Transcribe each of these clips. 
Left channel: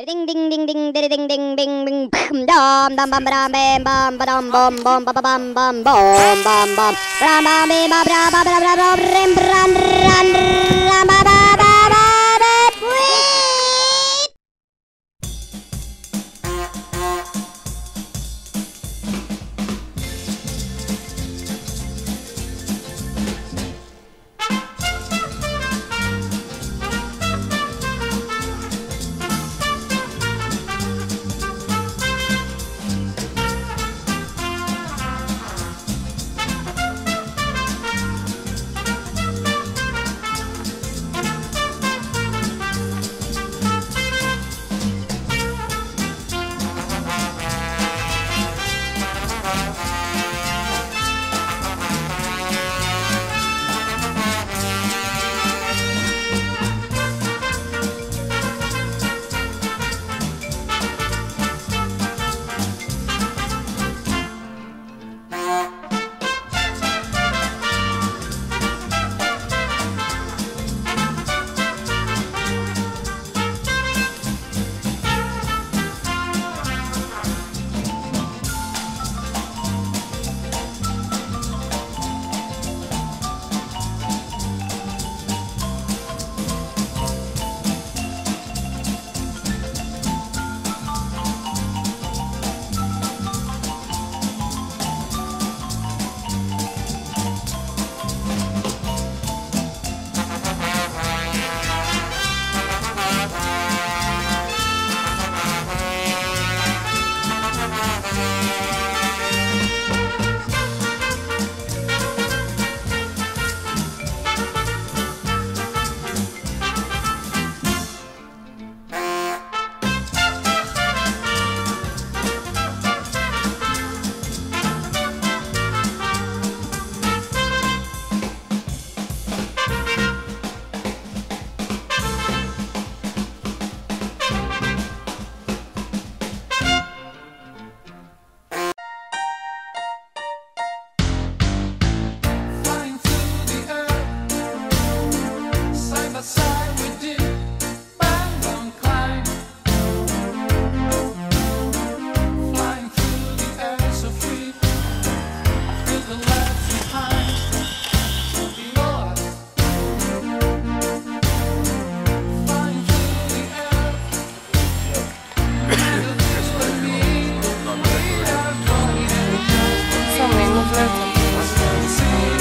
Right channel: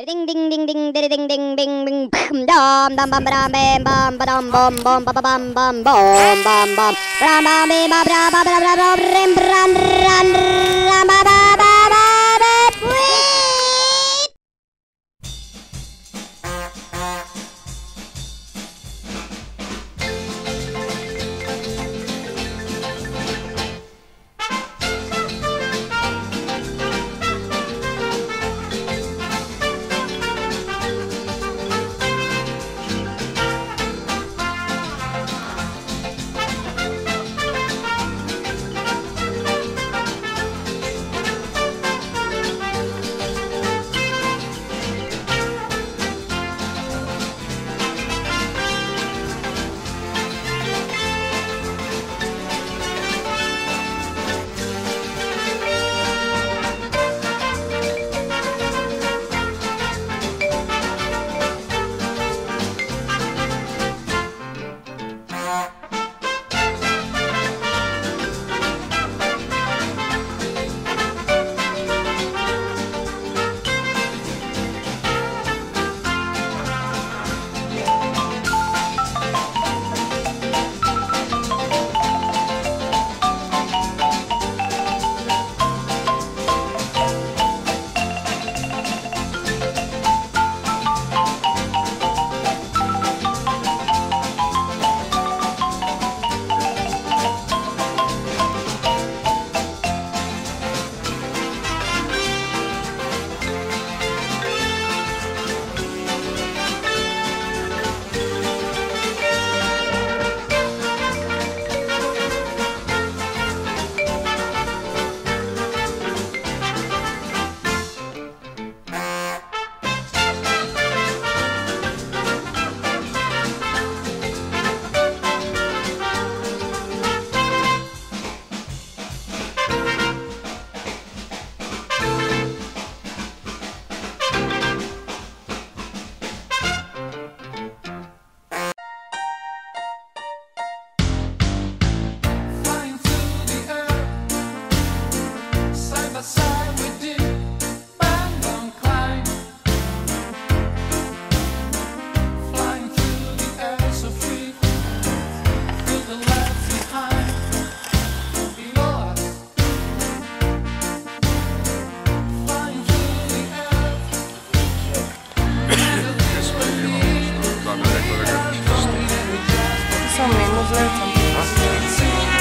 Ding ding ding ding ding ding ding ding ding dum dum bum bum bam bum bum bum bum bum bum bum bum bum bum ram bam bam bam bam bam bam ram ram ram ram ba ba ba ba ba.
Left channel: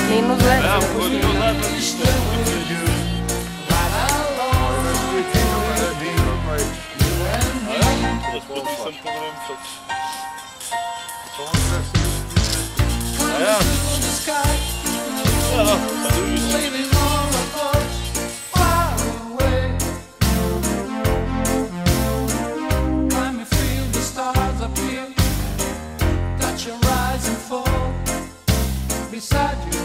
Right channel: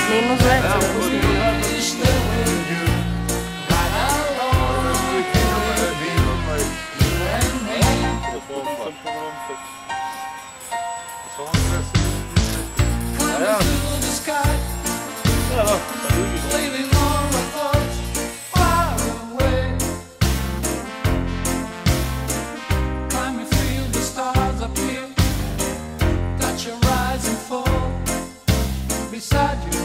Minus lecą. Beside you